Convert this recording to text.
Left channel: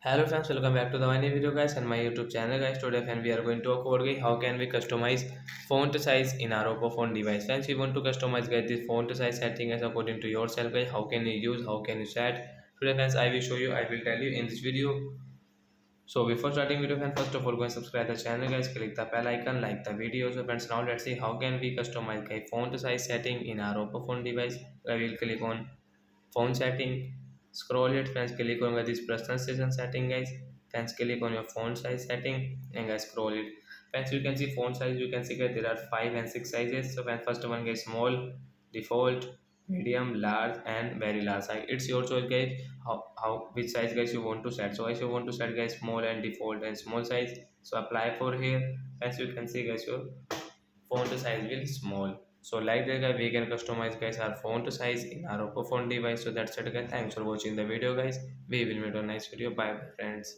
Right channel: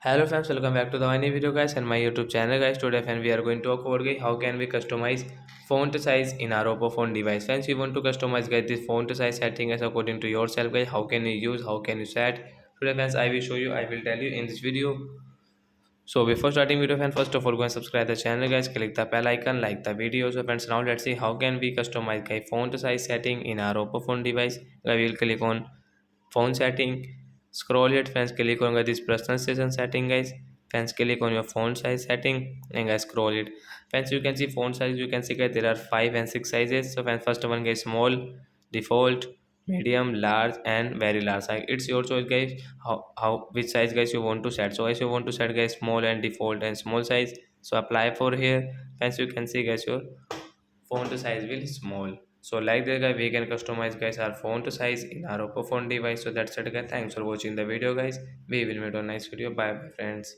Hello friends, welcome back to the new video guys and my YouTube channel guys. Today friends we are going to talk about guys how can we customize font size in our Oppo phone device. Friends, we want to customize guys this font size setting as according to yourself guys. How can you use? How can you set? Today friends I will show you. I will tell you in this video. So before starting video friends, first of all go and subscribe the channel guys. Click the bell icon, like the video. So friends, now let's see how can we customize guys font size setting in our Oppo phone device. I will click on phone setting, scroll it friends, click on this personalization setting guys. Friends, click on your font size setting and guys scroll it. Friends, you can see font size, you can see guys there are 5 and 6 sizes. So friends, first one guys small, default, medium, large and very large. Like it's your choice guys, how which size guys you want to set. So if you want to set guys small and default and small size, so apply for here. Friends, you can see guys your font size will small. So like that guy we can customize guys our font size in our Oppo phone device. So that's it guys, thanks for watching the video guys. We will meet on next video. Bye bye friends.